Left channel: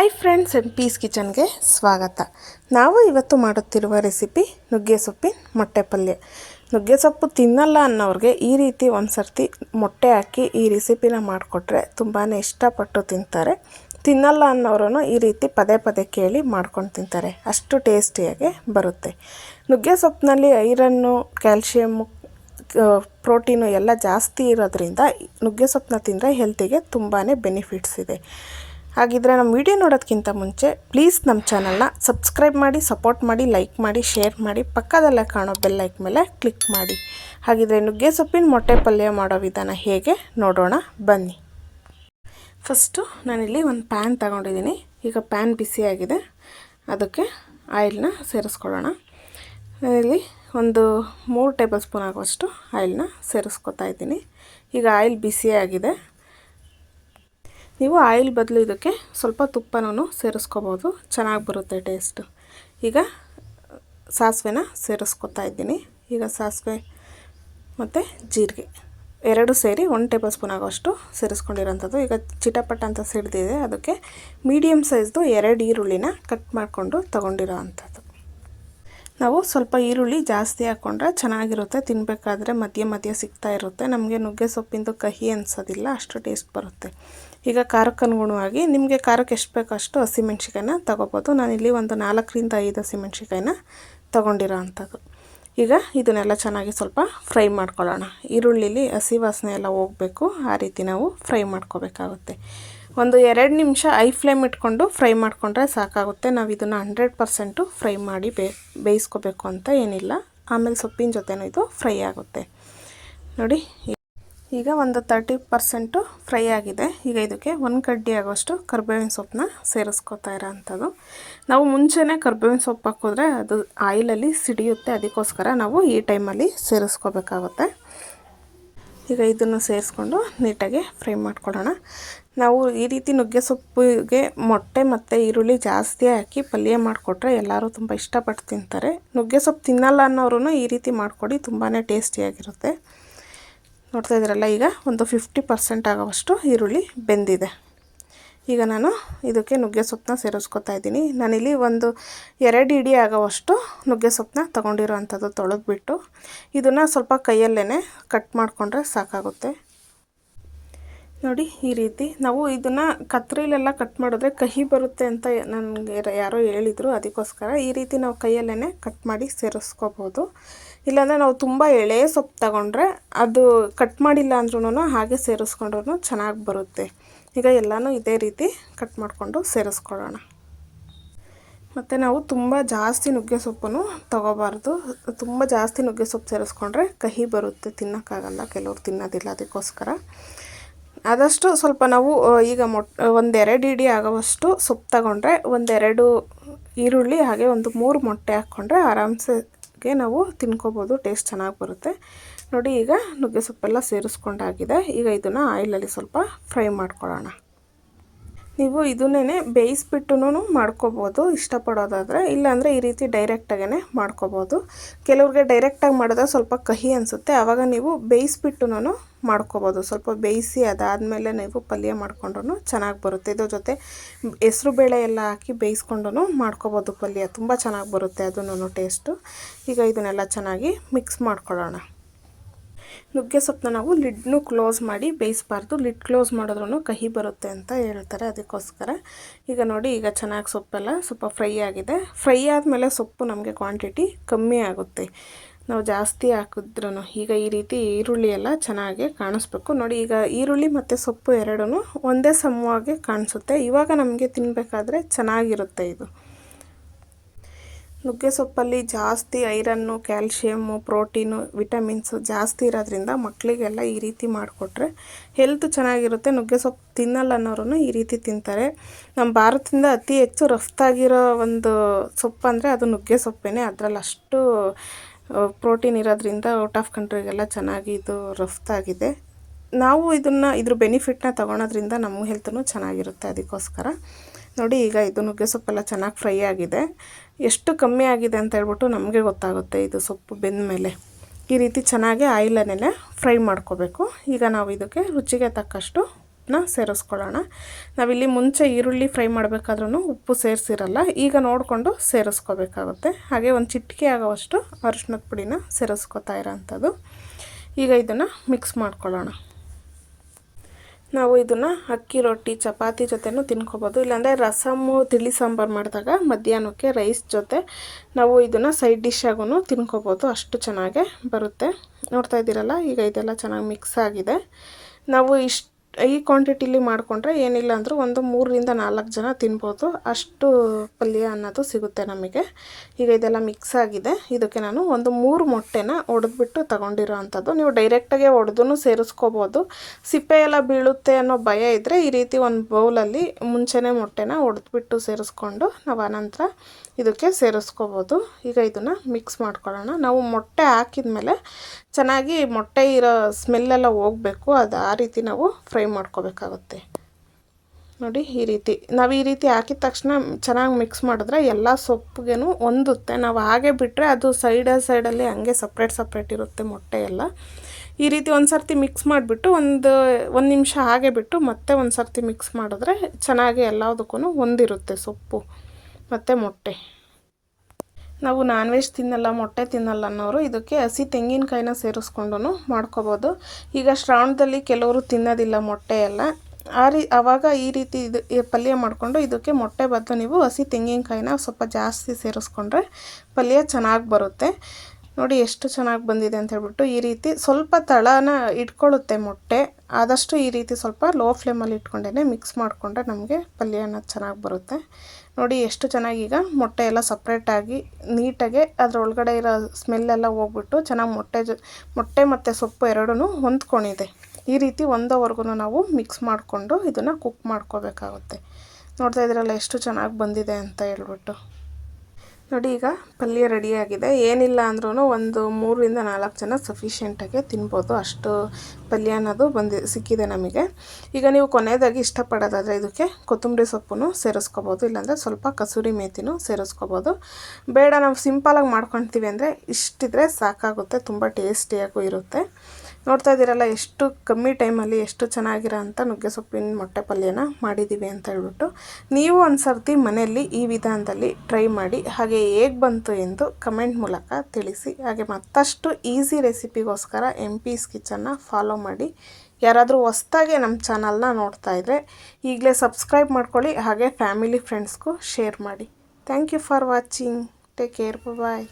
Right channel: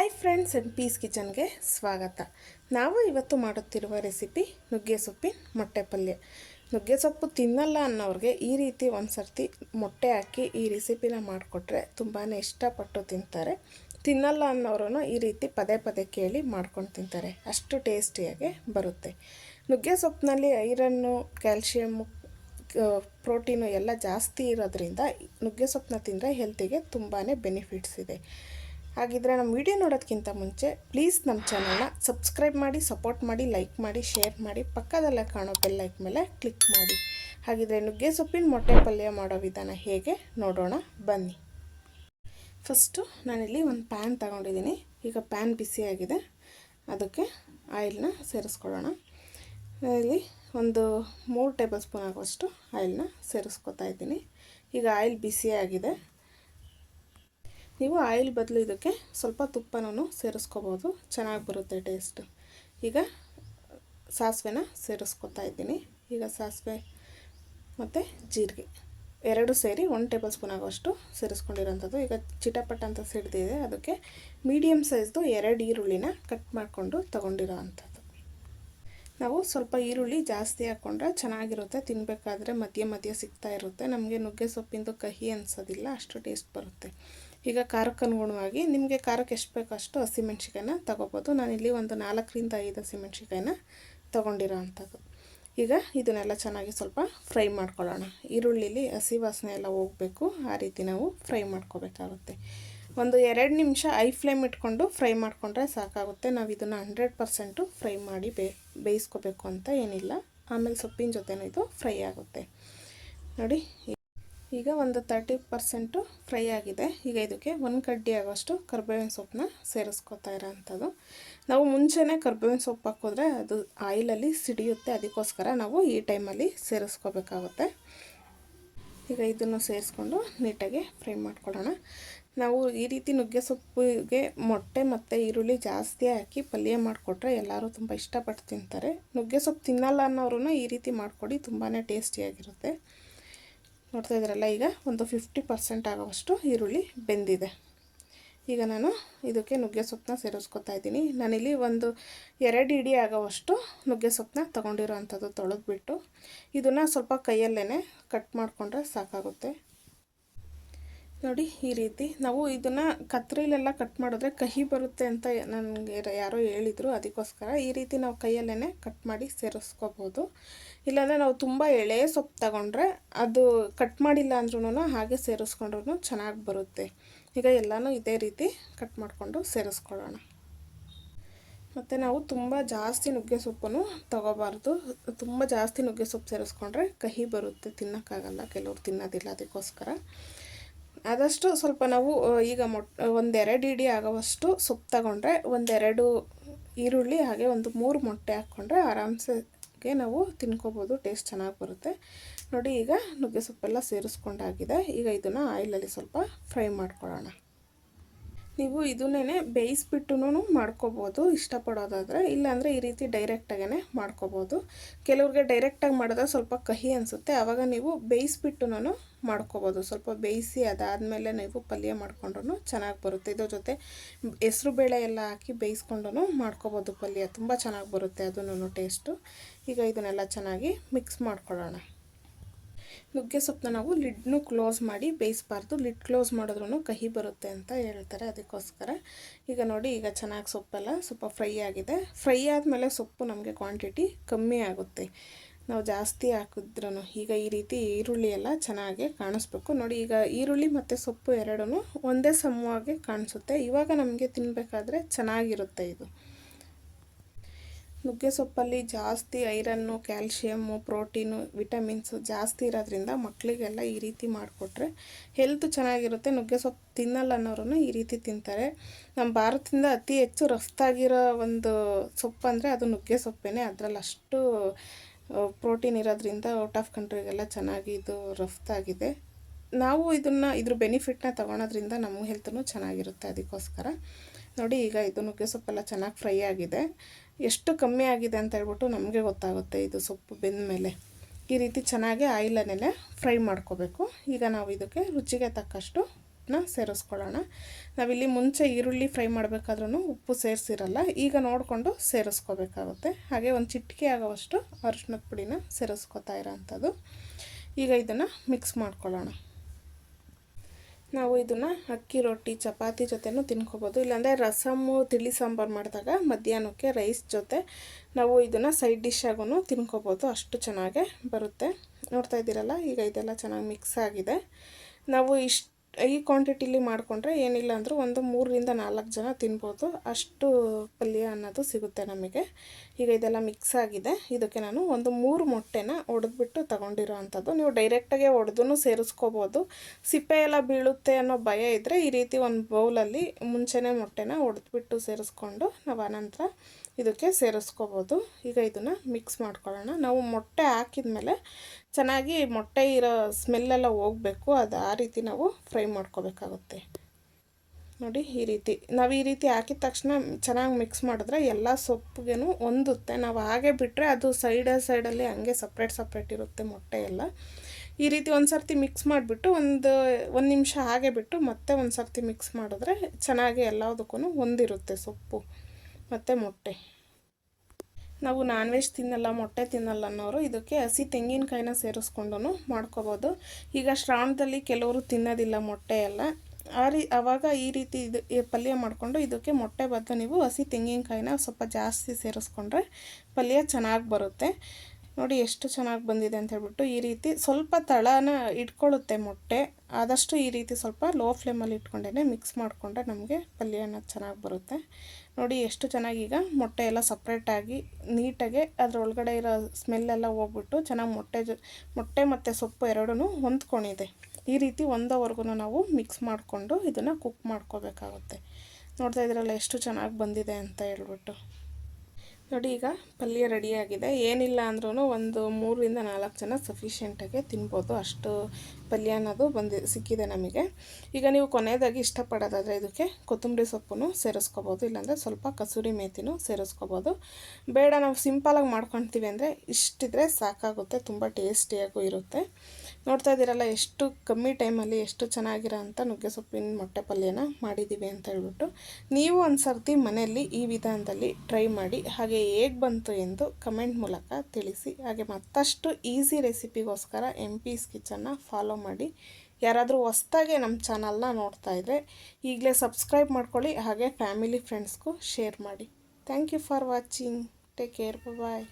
Hi friends and peace ಕಿಚನ್ಗೆ ಸ್ವಾಗತ. ನಾವು ಇವತ್ತು ಮಾಡುತ್ತಿರುವ ರೆಸಿಪಿ ನುಗ್ಗೆ ಸೊಪ್ಪಿನ ಮೊಟ್ಟೆ ಪಲ್ಯ. ನುಗ್ಗೆ ಸೊಪ್ಪು ತಿನ್ನಲ್ಲ ಅನ್ನೋರಿಗೆ ಈ ರೀತಿ ಒಂದು ಸರ್ತಿ ಮೊಟ್ಟೆ ಹಾಕಿ ಈ ರೆಸಿಪಿನ ಮಾಡಿಕೊಟ್ರೆ ತುಂಬಾ ಇಷ್ಟಪಟ್ಟು ತಿಂತಾರೆ. ತಿನ್ನಲ್ಲ ಅನ್ನೋರು ಈ ರೀತಿ ಪದೇ ಪದೇ ಕೇಳಿ ಮಾಡ್ಕೊಂಡು ತಿಂತಾರೆ. ಅಷ್ಟು ಟೇಸ್ಟಿಯಾಗಿ ಬರುತ್ತೆ. ನುಗ್ಗೆ ಸೊಪ್ಪಿನಲ್ಲಿ ಐರನ್ನು ಕ್ಯಾಲ್ಶಿಯಮ್ಮು ಪ್ರೋಟೀನು ಎಲ್ಲ ಜಾಸ್ತಿ ಇರೋದ್ರಿಂದ ನುಗ್ಗೆ ಸೊಪ್ಪನ್ನ ತಿಂದರೆ ಹೆಲ್ತಿಗೆ ತುಂಬಾ ಬೆನಿಫಿಟ್ಸ್ ಇದೆ. ಹಾಗಿದ್ರೆ ನಮ್ಮ ವಿಡಿಯೋ ನೋಡೋದಕ್ಕಿಂತ ಮುಂಚೆ ಪ್ಲೀಸ್ ನಮ್ಮ ಚಾನಲ್ನ ಸಬ್ಸ್ಕ್ರೈಬ್ ಮಾಡಿ ಸಪೋರ್ಟ್ ಮಾಡಿ ಲೈಕ್ ಮಾಡಿ ಶೇರ್ ಮಾಡಿ, ಪಕ್ಕದಲ್ಲೇ ಕಾಣೋ ಬೆಲ್ ಲೈಕ್ ಮೇಲೆ ಕ್ಲಿಕ್ ಮಾಡಿ. ಹಾಗಿದ್ರೆ ನುಗ್ಗೆ ಸೊಪ್ಪಿನ ಮೊಟ್ಟೆ ಪಲ್ಯ ಮಾಡೋ ವಿಧಾನ ಹೇಗೆ ನೋಡೋಣ ಬನ್ನಿ. ಫಸ್ಟು ನಾನಿಲ್ಲಿ ಒಂದು ಪ್ಯಾನ್ ತಗೊಂಡಿದ್ದೀನಿ. ಈಗ ಪ್ಯಾನ್ ಬಿಸಿಯಾಗಿದೆ ಅದಕ್ಕೆ ಆಯಿಲ್ನ ಸೇರಿಸ್ಕೊಳ್ಳೋಣ. ನಾನಿಲ್ಲಿ ಒಂದು ಮೂರು ಟೇಬಲ್ ಸ್ಪೂನ್ ಆಗುವಷ್ಟು ಆಯಿಲ್ನ ಸೇರಿಸ್ಕೊತಾ ಇದ್ದೀನಿ. ಈಗ ಆಯಿಲ್ ಬಿಸಿಯಾಗಿದೆ ನೀವು ಆಯಿಲ್ ಬದಲು ಇದಕ್ಕೆ ಸ್ವಲ್ಪ ತುಪ್ಪನೂ ಸೇರಿಸ್ಕೋಬೋದು. ಚೆನ್ನಾಗಿ ಬರುತ್ತೆ ಟೇಸ್ಟು. ಈಗ ಸಾಸಿವೆನ ಸೇರಿಸ್ಕೊತಾ ಇದ್ದೀನಿ. ಈಗ ಸಾಸಿವೆ ಮತ್ತು ಜೀರಿಗೆ. ಎರಡು ಸೇರಿ ಒನ್ ಟೇಬಲ್ ಸ್ಪೂನ್ ಆಗೋಷ್ಟು ಸೇರಿಸ್ಕೊಂಡಿರೋಂಥದ್ದು. ಈಗ ಚಿಟಪಟ ಅಂತ ಸಿಡ್ದಿದೆ. ಅದಕ್ಕೆ ಮೀಡಿಯಮ್ ಸೈಜ್ದು ಎರಡು ಈರುಳ್ಳಿನ ಕಟ್ ಮಾಡಿಕೊಂಡು ತೊಗೊಂಡಿರೋ ನಾವು ಸ್ವಲ್ಪ ಈರುಳ್ಳಿ ಜಾಸ್ತಿ ಹಾಕ್ಕೊಂಡ್ರೆ ಚೆನ್ನಾಗಿರುತ್ತೆ. ತಿನ್ನಬೇಕಾದ್ರೆ ಮಧ್ಯ ಮಧ್ಯ ಸಿಗ್ತಾ ಇರುತ್ತೆ. ನಮಗೆ ನುಗ್ಗೆ ಸೊಪ್ಪಿಂದು ಕಹಿ ಅನಿಸೋದಿಲ್ಲ. ಅಷ್ಟು ಟೇಸ್ಟ್ ಬರುತ್ತೆ. ಈಗ ಖಾರಕ್ಕೆ ಅನುಗುಣವಾಗಿ ನಿಮಗೆ ಖಾರಕ್ಕೆ ಎಷ್ಟು ಬೇಕೋ ಅಷ್ಟು ಹಸಿಮೆಣ್ಸಿಕಾಯಿನ ತೊಗೋಬೋದು. ನಾನಿಲ್ಲಿ ಒಂದು ನಾಲ್ಕರಿಂದ ಐದು ಹಸಿಮೆಣ್ಸಿಕಾಯಿನ ತೊಗೊಂಡಿರೋ ಅಂಥದ್ದು. ಈಗ ಇದನ್ನೆಲ್ಲ ಚೆನ್ನಾಗಿ ಸ್ವಲ್ಪ ಫ್ರೈ ಮಾಡ್ಕೊಳ್ಳೋಣ. ಈರುಳ್ಳಿಲಿ ಹಸಿ ವಾಸನೆ ಎಲ್ಲ ಹೋಗಬೇಕು. ಆ ರೀತಿ ನಾವು ಫ್ರೈ ಮಾಡ್ಕೋಬೇಕಾಗುತ್ತೆ. ಒಂದು ಎರಡು ನಿಮಿಷ ಐ ಫ್ಲೇಮ್ ಇಟ್ಕೊಂಡು ಫ್ರೈ ಮಾಡಿಕೊಂಡ್ರೆ ಸಾಕಾಗುತ್ತೆ. ನಾವು ಇದನ್ನು ಹಂಡ್ರೆಡ್ ಪರ್ಸೆಂಟು ಫ್ರೈ ಮಾಡಿ ಬೇ ಬೇಯಿಸ್ಕೋಬೇಕು ಅಂತ ಏನಿಲ್ಲ. ಆಮೇಲೆ ಸೊಪ್ಪಿನ ಜೊತೆನೂ ಇದು ಫ್ರೈ ಆಗುತ್ತೆ. ನೋಡಿ ಈಗ ಒಂದು ತರ್ಟಿ ಪರ್ಸೆಂಟು ಫ್ರೈ ಆಗಿದೆ. ಈಗ ಇದಕ್ಕೆ ಒಂದು ಕಡ್ಡಿ ಆಗೋಷ್ಟು ಕರ್ಬೇವಿನ ಸೊಪ್ಪನ್ನ ಸೇರಿಸ್ಕೊತಾ ಇರೋ ಅಂಥದ್ದು. ನಾವು ಮುಂಚೆನೇ ಕರ್ಬೇವಿನ ಸೊಪ್ಪು ಹಾಕಿದ್ರೆ ಅದು ಆಯಿಲಲ್ಲಿ ಸಿಡಿಯುತ್ತೆ, ಅದಕ್ಕೋಸ್ಕರ ನಾವು ಈ ಟೈಮಲ್ಲಿ ಸೇರಿಸ್ಕೋಬೇಕಾಗುತ್ತೆ. ಈಗ ಇದನ್ನು ಸೇರಿಸ್ಕೊಂಡು ನೀಟಾಗಿ ಫ್ರೈ ಮಾಡ್ಕೊಳ್ಳೋಣ. ನಾವು ಈ ರೀತಿ ನುಗ್ಗೆ ಸೊಪ್ಪಿಗೆ ಮೊಟ್ಟೆ ಮತ್ತು ಈರುಳ್ಳಿ ಜಾಸ್ತಿ ಹಾಕಿ ಪಲ್ಯ ಮಾಡಿಕೊಟ್ರೆ ಎಲ್ಲರೂ ತುಂಬ ಇಷ್ಟಪಟ್ಟು ತಿಂತಾರೆ. ನುಗ್ಗೆ ಸೊಪ್ಪು ತಿನ್ನಲ್ಲ ಅನ್ನೋರು ಈ ರೀತಿ ಮಾಡಿಕೊಡಿ ತುಂಬಾ ಟೇಸ್ಟಿಯಾಗಿರುತ್ತೆ. ನೋಡ್ತಾ ಇದ್ದೀರಲ್ಲ, ಈಗ ಒಂದು ಫಿಫ್ಟಿ ಪರ್ಸೆಂಟ್ ಆಗೋವಷ್ಟು ಈರುಳ್ಳಿ ಬೆಂದಿದೆ. ಈಗ ನಾನು ಇದಕ್ಕೆ ನುಗ್ಗೆ ಸೊಪ್ಪನ್ನ ಸೇರಿಸ್ಕೊತಾ ಇದ್ದೀನಿ. ನಾನಿಲ್ಲಿ ಒಂದು ಎರಡು ಇಡಿ ಆಗೋವಷ್ಟು ನುಗ್ಗೆ ಸೊಪ್ಪನ್ನ ತೊಗೊಂಡಿರೋ ಅಂಥದ್ದು ತೊಳೆದ್ಬಿಟ್ಟು, ಇದನ್ನು ಸ್ವಲ್ಪ ಕೈಯಲ್ಲೇ ಕಟ್ ಮಾಡಿಕೊಂಡ್ರೆ ಸಾಕಾಗುತ್ತೆ. ನೋಡಿ, ಈ ರೀತಿ ನಾವು ಇದನ್ನು ಕತ್ರಿಲೆಲ್ಲ ಕಟ್ ಮಾಡಿದ್ರೆ ಕಹಿ ಬರುತ್ತೆ ಅಂತ ನನಗೆ ಯಾರೋ ಹೇಳಿದರು, ಅದಕ್ಕೋಸ್ಕರ ಈ ರೀತಿ ನಾವು ಕೈಯಲ್ಲೇ ಕಟ್ ಮಾಡಿ ಸೇರಿಸ್ಕೋಬೋದು. ಇಲ್ಲಾಂದರೆ ನಾವು ತುಂಬ ಎಳೆ ಸೊಪ್ಪು ತಗೊಂಡ್ರೆ ಅದು ಕಟ್ ಮಾಡಿಲ್ಲ ಅಂದ್ರೂ ಹಾಗೆ ಸೇರಿಸ್ಕೊಂಡ್ರೂ ಚೆನ್ನಾಗಿ ಬರುತ್ತೆ. ಈಗ ಎಲ್ಲನೂ ಇದೇ ರೀತಿ ಕಟ್ ಮಾಡಿಕೊಂಡು ಸೇರಿಸ್ಕೊಳ್ಳೋಣ. ಮತ್ತು ನಾವು ತುಂಬ ಜಾಸ್ತಿ ನುಗ್ಗೆ ಸೊಪ್ಪನ್ನು ತೊಗೋಬಾರ್ದು. ತುಂಬ ಜಾಸ್ತಿ ನುಗ್ಗೆ ಸೊಪ್ಪು ಸೇರಿಸ್ಕೊಂಡ್ರೆ ಕಹಿ ಬರುತ್ತೆ ತಿನ್ನೋಕ್ಕಾಗಲ್ಲ, ಕೆಲವ್ರು ತಿನ್ನೋದಿಲ್ಲ ಅದಕ್ಕೋಸ್ಕರ. ಆದಷ್ಟು ಸ್ವಲ್ಪ ನಾವು ಈಗ ಮೊಟ್ ಒಂದೆರಡು ಇಡಿ ಆಗೋವಷ್ಟು ಸೊಪ್ಪು ತಗೊಂಡ್ರೆ ಒಂದೆರಡು ಈರುಳ್ಳಿ ಹಾಗೆ ಒಂದು ಮೂರು ಮೊಟ್ಟೆ ಹಾಕ್ಕೊಂಡ್ರೆ ಆರಾಮ್ಸೆಗೆ ನಾವು ತಿನ್ಕೋಬೋದು, ಟೇಸ್ಟ್ ಚೆನ್ನಾಗಿ ಬರುತ್ತೆ. ನೋಡಿ ಈಗ ನುಗ್ಗೆ ಸೊಪ್ಪೆಲ್ಲ ಸೇರಿಸ್ಕೊಂಡಾಗಿದೆ. ಈಗ ಇದನ್ನು ಆಯಿಲಲ್ಲಿ ಸ್ವಲ್ಪ ಫ್ರೈ ಮಾಡ್ಕೊಳ್ಳೋಣ. ನೀವು ಇದನ್ನೇ ಬೇಯಿಸ್ಬಿಟ್ಟು ಮಾಡ್ಕೋಬೋದು, ಇಷ್ಟಪಡೋದಾದರೆ. ಇಲ್ಲಾಂದರೆ ಈ ರೀತಿ ಡೈರೆಕ್ಟಾಗೇ ಮಾಡ್ಕೋಬೋದು. ಕೆಲವ್ರಿಗೆ ಡೈರೆಕ್ಟಾಗಿ ಮಾಡಿದ್ರೆ ಸ್ವಲ್ಪ ಕಹಿ ಅನಿಸುತ್ತೆ. ಆವಾಗ ನೀವು ಬೇಯಿಸ್ಬಿಟ್ಟು ಮಾಡ್ಕೋಬೋದು. ಸ್ವಲ್ಪ ಬೇಯಿಸಿ ಅದಾದಮೇಲೆ ನೀವು ಪಲ್ಯ ಮಾಡಿಕೊಂಡು ಚೆನ್ನಾಗಿ ಬರುತ್ತೆ. ಇದ್ರ ಜೊತೆ ಹೆಸ್ರು ಬೇಳೆ ಎಲ್ಲ ಹಾಕಿ ಬೇಯಿಸ್ಕೊಂಡು ಮಾಡ್ಕೋಬೋದು ಪಲ್ಯ. ತುಂಬ ಚೆನ್ನಾಗಿ ಬರುತ್ತೆ, ಅದನ್ನು ಟೇಸ್ಟು ಈಗ ಇದನ್ನೆಲ್ಲ ಚೆನ್ನಾಗಿ ಮಿಕ್ಸ್ ಮಾಡ್ಕೊಳ್ಳೋಣ. ನುಗ್ಗೆ ಸೊಪ್ಪನ್ನ ನಾವು ಲಿಡ್ನು ಕ್ಲೋಸ್ ಮಾಡಿ ಬೇಯಿಸಬಾರ್ದು. ಲಿಡ್ ಕ್ಲೋಸ್ ಮಾಡಿದ್ರೂ ಕಹಿ ಬರುತ್ತೆ ಅಂತ ಹೇಳ್ತಾರೆ ಅದಕ್ಕೋಸ್ಕರ. ಈಗ ನೋಡಿ, ಈಗ ಚೆನ್ನಾಗಿ ಸೊಪ್ಪೆಲ್ಲ ಸ್ವಲ್ಪ ಫ್ರೈ ಆಗಿದೆ. ಫ್ರೈ ಆದಮೇಲೆ ಸೊಪ್ಪು ನಮಗೆ ಕ್ವಾಂಟಿಟಿ ಕಮ್ಮಿ ಆಗುತ್ತೆ. ನಾವು ಜಾಸ್ತಿ ಹಾಕಿದ್ರೂ ಈಗ ಈ ರೀತಿ ಈರುಳ್ಳಿ ಎಲ್ಲ ಚೆನ್ನಾಗಿ ಕಾಣಿಸ್ಬೇಕು. ನೋಡಿ, ಈಗ ಈರುಳ್ಳಿ ಮತ್ತು ಸೊಪ್ಪು ಎರಡೂ ಒಂದೇ ಸಮವಾಗಿ ಕಾಣಿಸುತ್ತೆ. ಇವಾಗ ನಮಗೆ ತಿನ್ನಬೇಕಾದ್ರೆ ಚೆನ್ನಾಗಿರುತ್ತೆ ಇದು. ನುಗ್ಗೆ ಸೊಪ್ಪಲ್ಲಿ ಜಾಸ್ತಿ ಐರನ್ನು, ಕ್ಯಾಲ್ಶಿಯಮ್ಮು, ಪ್ರೋಟೀನು, ವಿಟಮಿನ್ಸು ಜಾಸ್ತಿ ಇರೋದ್ರಿಂದ ಮಕ್ಕಳಿಗೆಲ್ಲ ಈ ರೀತಿ ಮಾಡಿಕೊಟ್ರೆ ಹೆಲ್ತ್ ಚೆನ್ನಾಗಿರುತ್ತೆ. ನುಗ್ಗೆ ಸೊಪ್ಪು ತಿನ್ನಲ್ಲ ಅನ್ನೋರು ಈ ರೀತಿ ತಿಂತಾರೆ. ನಮ್ಮ ಭಾರತದಿಂದ ಅತಿ ಹೆಚ್ಚು ರಫ್ತಾಗಿರೋ ಒಂದು ಸೊಪ್ಪು ಅಂದರೆ ಅದು ನುಗ್ಗೆ ಸೊಪ್ಪೇ ಅದರಲ್ಲಿ ಅಷ್ಟು ಪ್ರೋಟೀನ್ ಇರೋದ್ರಿಂದ ಔಟ್ ಆಫ್ ಕಂಟ್ರಿಗೆಲ್ಲ ಚೆನ್ನಾಗಿ ಇದು ರಫ್ತಾಗಿದೆ. ನಾವು ಇದನ್ನು, ಇದ್ರ ಬೆನಿಫಿಟ್ನ ತೊಗೊಳೋದ್ರಿಂದ ನಮ್ಮ ಹೆಲ್ತೂ ಚೆನ್ನಾಗಿರುತ್ತೆ ಅದಕ್ಕೋಸ್ಕರ. ನೋಡಿ, ಈಗ ಇದು ನುಗ್ಗೆ ಸೊಪ್ಪೆಲ್ಲ ಚೆನ್ನಾಗಿ ಫ್ರೈ ಆಗಿದೆ. ಎಷ್ಟು ಕಮ್ಮಿ ಆಗಿದೆ ಅಂತ ಹೇಳ್ಬಿಟ್ಟು ನಮಗೆ ಗೊತ್ತಾಗುತ್ತೆ ಇದು ಸೊಪ್ಪು ಬೆಂದ ಮೇಲೆ ಈ ರೀತಿ ಚೆನ್ನಾಗಿ ಆಯಿಲನ್ನೆಲ್ಲ ಫ್ರೈ ಮಾಡ್ಕೋಬೇಕು. ಈಗ ನಾವು ಇದಕ್ಕೆ ರುಚಿಗೆ ತಕ್ಕಷ್ಟು ಉಪ್ಪನ್ನ ಸೇರಿಸ್ಕೊಳ್ಳೋಣ. ನಾವಿಲ್ಲಿ ಮುಂಚೆ ಈರುಳ್ಳಿ ಫ್ರೈ ಮಾಡಬೇಕಾದ್ರೂ ಉಪ್ಪು ಸೇರಿಸಿರಲ್ಲ, ಈಗ ನೋಡಿಕೊಂಡು ಸೇರಿಸ್ಕೋಬೇಕಾಗುತ್ತೆ. ಹಾಗೆ ಒಂದು ಚಿಟಿಕೆ ಆಗೋವಷ್ಟು ಅರಿಶಿನದ ಪುಡಿನ ಸೇರಿಸ್ಕೊತಾ ಇರೋಂಥದ್ದು. ಈಗ ಇದನ್ನು ಮಿಕ್ಸ್ ಮಾಡ್ಕೊಳ್ಳೋಣ. ನಾವು ಇದನ್ನು ಅಕ್ಕಿ ರೊಟ್ಟಿ, ಚಪಾತಿ ಜೊತೆನೂ ತಿನ್ಕೋಬೋದು. ಇಲ್ಲಾಂದರೆ ರಸಮ್ಮು ತಿಳಿ ಸಾಂಬಾರು ಮಾಡಿದಾಗ ಮಧ್ಯಾಹ್ನಕ್ಕೆ ರೈಸ್ ಜೊತೆ ನಾವು ಇದನ್ನು ಸೈಡ್ ಡಿಶ್ ಆಗೂ ತಿನ್ಕೋಬೋದು. ಅಷ್ಟು ಚೆನ್ನಾಗೇ ಬರುತ್ತೆ. ನೋಡ್ತಾ ಇದ್ದೀರಲ್ಲ, ಈಗ ಇದೆಲ್ಲ ಚೆನ್ನಾಗಿ ಮಿಕ್ಸ್ ಆಗಿದೆ. ನಾವು ಇಷ್ಟು ಈ ಕ್ವಾಂಟಿಟಿಲಿ ಮಾಡಿಕೊಂಡ್ರೆ ಏನಿಲ್ಲ ಅಂದರೂ ಒಂದು ಮೂರರಿಂದ ನಾಲ್ಕು ಜನ ತಿನ್ಬೋದು. ಅಷ್ಟು ಪಲ್ಯ ಅನ್ನೋದು ಸಿಗುತ್ತೆ ನಮಗೆ. ಈಗ ಇದೆಲ್ಲ ಮಿಕ್ಸ್ ಆಗಿದೆ. ಇದಕ್ಕೆ ನಾನು ಒಂದು ಮೂರು ಮೊಟ್ಟೆನ ಒಡೆದ್ಬಿಟ್ಟು ತಗೊಂಡಿರೋ ಅಂಥದ್ದು. ನೀವು ಡೈರೆಕ್ಟಾಗೆ ಒಡೆದು ಸೇರಿಸ್ಕೋಬೋದು. ಸಿಪ್ಪೆ ಎಲ್ಲ ಬೀಳುತ್ತೆ ಅನ್ನೋ ಭಯ ಇದ್ದರೆ ಈ ರೀತಿ ಒಂದು ಬೌಲಲ್ಲಿ ಮುಂಚೆನೇ ಮೊಟ್ಟೆನ ಒಡೆದ್ಬಿಟ್ಟು ಸೇರಿಸ್ಕೊಂಡು ನಾವು ಆನಂತರ ಇದಕ್ಕೆ ಸೇರಿಸ್ಕೋಬೋದು. ಈಗ ಇದನ್ನು ಮಿಕ್ಸ್ ಮಾಡ್ಕೊಳ್ಳೋಣ. ನಾವು ಮೊಟ್ಟೆ ಹಾಕಿದ ಮೇಲೆ ಚೆನ್ನಾಗಿ ಮೊಟ್ಟೆ ಇರೋ ಸ್ಮೆಲ್ಲೆಲ್ಲ ಹೋಗ್ಬೇಕು. ಅದು ಆ ರೀತಿ ನಾವು ಫ್ರೈ ಮಾಡ್ಕೋಬೇಕಾಗುತ್ತೆ. ನೋಡಿ ಈ ರೀತಿ. ನಾವು ಈ ರೀತಿ ಹಾಕಿದ ತಕ್ಷಣ ಚೆನ್ನಾಗಿ ಮಿಕ್ಸ್ ಮಾಡಿದ್ರೆ ಎಲ್ಲ ಸೊಪ್ಪಿಗೆನೂ ಹೊಂದುತ್ತೆ ನಾವು ಹಾಗೆ ಬಿಟ್ಟರೆ ಅದು ಸೈಡ ಸೈಡಲ್ಲಿ ಹಂಗೆ ಸಪ್ರೇಟ್ ಸಪ್ರೇಟ್ ಇರುತ್ತೆ ಮೊಟ್ಟೆ ಎಲ್ಲ. ಈ ರೀತಿ ಒಂದು ಸರ್ತಿ ಮಿಕ್ಸ್ ಮಾಡಿಬಿಟ್ಟು ಒಂದು ಒಂದು ನಿಮಿಷ ಹಾಗೆ ಬಿಟ್ಟು ಮತ್ತೆ ಒಂದು ಸರ್ತಿ ಮಿಕ್ಸ್ ಮಾಡಿದ್ರೆ ಚೆನ್ನಾಗಿ ಎಲ್ಲದಕ್ಕೂ ಹೊಂದಿರುತ್ತೆ ಸೊಪ್ಪು ಮತ್ತು ಮೊಟ್ಟೆ. ನಾವು ನಾನ್ ವೆಜ್ ತಿನ್ನಲ್ಲ, ಮೊಟ್ಟೆ ತಿನ್ನಲ್ಲ ಅನ್ನೋರು ಇದಕ್ಕೆ ಹಸಿ ತೆಂಗಿನಕಾಯಿನ ಸೇರಿಸ್ಕೊಂಡು ಮಾಡ್ಕೋಬೋದು. ಈಗ ಶ್ರಾವಣದಲ್ಲಿ ಕೆಲವರು ತಿನ್ನೋದಿಲ್ಲ ಮೊಟ್ಟೆ ಎಲ್ಲ. ಆ ರೀ, ಆವಾಗ ಈ ರೀತಿ ಇದು ಪಲ್ಯ ಮಾಡಿಕೊಂಡು ಇದಕ್ಕೆ ಮೊಟ್ಟೆ ಬದಲು ನೀವು ಹಸಿ ತೆಂಗಿನಕಾಯಿನ ಸ್ವಲ್ಪ ಜಾಸ್ತಿ ಸೇರಿಸ್ಕೊಂಡ್ರೆ ಪಲ್ಯ ಚೆನ್ನಾಗಿ ಬರುತ್ತೆ. ನೋಡಿ ಎಷ್ಟು ಚೆನ್ನಾಗಿ ಬಂದಿದೆ ಅಂತ ಹೇಳ್ಬಿಟ್ಟು ಈ ರೀತಿ ಸ್ವಲ್ಪ ತಳನ ಇಟ್ಕೊಳ್ಳುತ್ತೆ ಮೊಟ್ಟೆ. ಆದಷ್ಟು ಈ ರೀತಿ ಸ್ವಲ್ಪ ಲೋ ಫ್ಲೇಮಲ್ಲಿ ಇಟ್ಕೊಂಡೇ ಮಿಕ್ಸ್ ಮಾಡಿಕೊಂಡ್ರೆ ನಮಗೆ ಪಲ್ಯ ಅನ್ನೋದು ಚೆನ್ನಾಗಿ ಬರುತ್ತೆ. ನೋಡಿ ಎಷ್ಟು ಚೆನ್ನಾಗಿ ಈಗ ಮೊಟ್ಟೆ ಎಲ್ಲ ಸಪ್ರೇಟಾಗಿ ನೀಟಾಗೆ ಅದರೊಳಗಡೆ ಇರೋ ಸ್ಮೆಲ್ಲೆಲ್ಲ ಹೋಗ್ಬಿಟ್ಟು ಚೆನ್ನಾಗಿ ಮೊಟ್ಟೆ ಜೊ, ಮೊಟ್ಟೆ ಮತ್ತು ಸೊಪ್ಪು ಎರಡೂ ಹೊಂದ್ಕೊಂಡಿದೆ. ಈ ರೀತಿ ಒಂದವರೆಗೂ ನಾವು ಮಿಕ್ಸ್ ಮಾಡಿಕೊಂಡು ಇದನ್ನು ಕುಕ್ ಮಾಡ್ಕೋಬೇಕಾಗುತ್ತೆ. ನೋಡ್ತಾ ಇದ್ರಲ್ಲ ಎಷ್ಟು ಚೆನ್ನಾಗಿ ಬಂದಿದೆ ಅಂತ ಹೇಳ್ಬಿಟ್ಟು. ನೋಡಿ, ಈಗ ಪಲ್ಯ ರೆಡಿಯಾಗಿದೆ. ಏನಿಲ್ಲ ಅಂದ್ರೂ ಒಂದು ಮೂರರಿಂದ ನಾಲ್ಕು ಜನ ಸಫಿಷಿಯೆಂಟಾಗಿ ತಿನ್ಬೋದು. ಅಷ್ಟು ಪಲ್ಯ ಅನ್ನೋದು ಬಂದಿ, ಸಿಕ್ಕಿದೆ ನಮಗೆ. ಈಗ ನೀವು ಕೊನೆಯದಾಗಿ ಇಷ್ಟಪಡೋದಾದರೆ ಇದಕ್ಕೆ ಕೊತ್ತಂಬರಿ ಸೊಪ್ಪನ್ನು ಸೇರಿಸ್ಕೋಬೋದು. ಇಲ್ಲಾಂದರೆ ಸ್ವಲ್ಪ ಕಸೂರಿ ಮೇಥಿನೂ ಸೇರಿಸ್ಕೋಬೋದು. ಬೇಡ, ನಾವು ಸಿಂಪಲಾಗಿ ಮಾಡ್ಕೊತೀವಿ ಅಂದರೆ ಇಷ್ಟಿದ್ರೆ ಸಾಕಾಗುತ್ತೆ. ತುಂಬ ಟೇಸ್ಟಿಯಾಗೂ ಇರುತ್ತೆ. ನೋಡ್ತಾ ಇದ್ದೀರಲ್ಲ, ಎಷ್ಟು ಕಮ್ಮಿ ಟೈಮಲ್ಲಿ ಎಷ್ಟು ಚೆನ್ನಾಗಿರೋ ಅಂಥ ನುಗ್ಗೆ ಸೊಪ್ಪಿನ ಮೊಟ್ಟೆ ಪಲ್ಯನ ಮಾಡಿದ್ದೀವಿ ಅಂತ ಹೇಳ್ಬಿಟ್ಟು ನೀವು ಒಂದು ಸರ್ತಿ ಮನೆಯಲ್ಲಿ ಈ ವಿಧಾನದಲ್ಲಿ ಟ್ರೈ ಮಾಡಿ, ಹಾಗೆ ಹೇಗೆ ಬಂತು ಎಂದು ಕಮೆಂಟ್ ಮೂಲಕ ತಿಳಿಸಿ. ಹಾಗೆ ಮತ್ತಷ್ಟು ಈಸಿ ರೆಸಿಪಿಗೋಸ್ಕರ ಎಂ ಪೀಸ್ ಕಿಚನ್ನ ಫಾಲೋ ಮಾಡಿ. ಯಾರಾದರೂ ಹೊಸ್ದಾಗೆ ನಮ್ಮ ಚಾನಲ್ನ ನೋಡ್ತಾ ಇದ್ದರೆ ಈಗಲೇ ಸಬ್ಸ್ಕ್ರೈಬ್ ಮಾಡ್ಕೊಳ್ಳಿ, ಹಾಗೆ ಫ್ಯಾಮಿಲಿ ಫ್ರೆಂಡ್ಸ್ಗೂ ಶೇರ್ ಮಾಡಿ. Thank you for watching. Take care. Bye.